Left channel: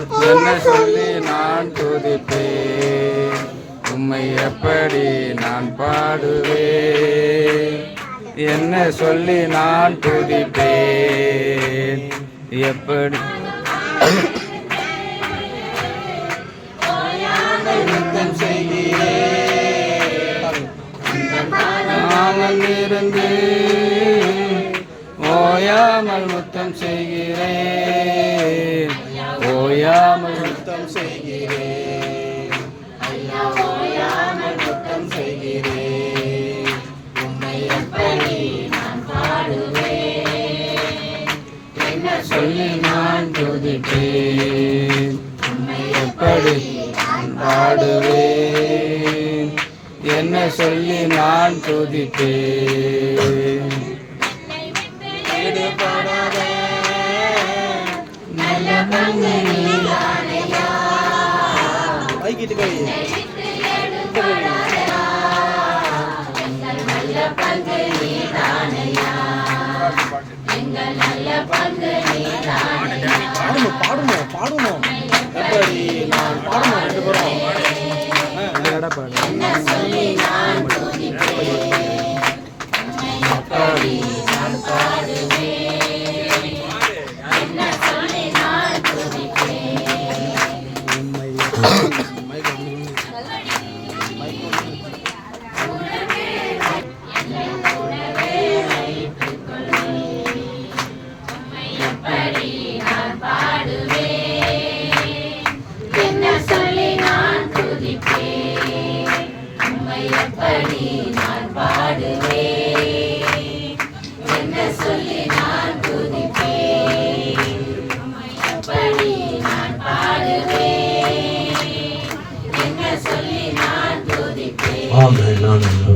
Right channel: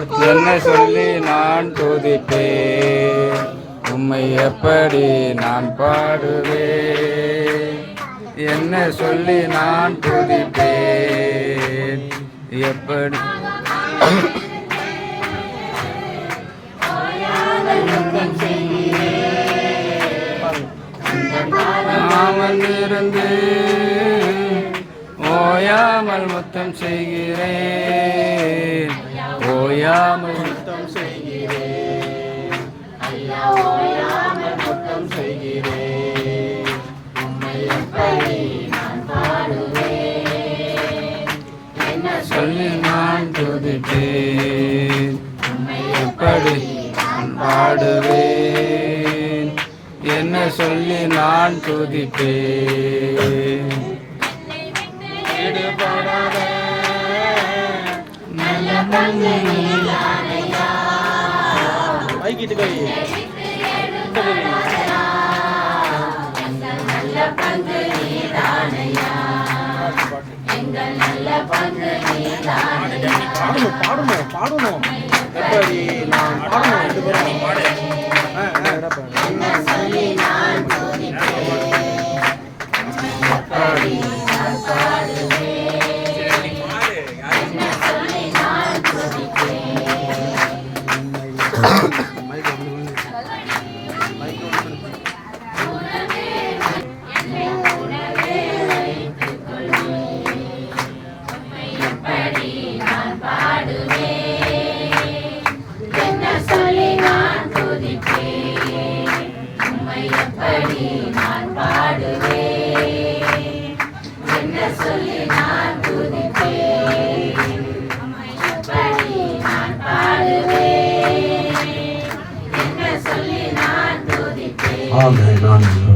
என்ன சொல்லி நான் துதிப்பேன், உம்மை எப்படி நான் பாடுவேன். என்ன சொல்லி நான் துதிப்பேன், எப்படி நாமல் இருந்து ஓயாமல் முத்தம் செய்கிறேன், ஓயாமல் முத்தம் செய்கிறேன், ஓயாமல் முத்தம் செய்கிறேன். உம்மை எப்படி நான் பாடுவேன், என்ன சொல்லி நான் துதிப்பேன், உம்மை எப்படி நான் பாடுவேன். என்ன சொல்லி நான் துதிப்பேன். நல்ல பங்கு நீதானையா, நல்ல பங்கு நீதானையா, எங்கள் நல்ல பங்கு நீதானையா. பாடணும் பாடணும் எப்படி நான் பாடணும் ரெண்டு பேரும். என்ன சொல்லி நான் துதிப்பேன், எப்படி நான் பாடுவேன். என்ன சொல்லி நான் துதிப்பேன். எப்படி நான் பாடுவேன், என்ன சொல்லி நான் துதிப்பேன், எப்படி நான் பாடுவேன், என்ன சொல்லி நான் துதிப்பேன்.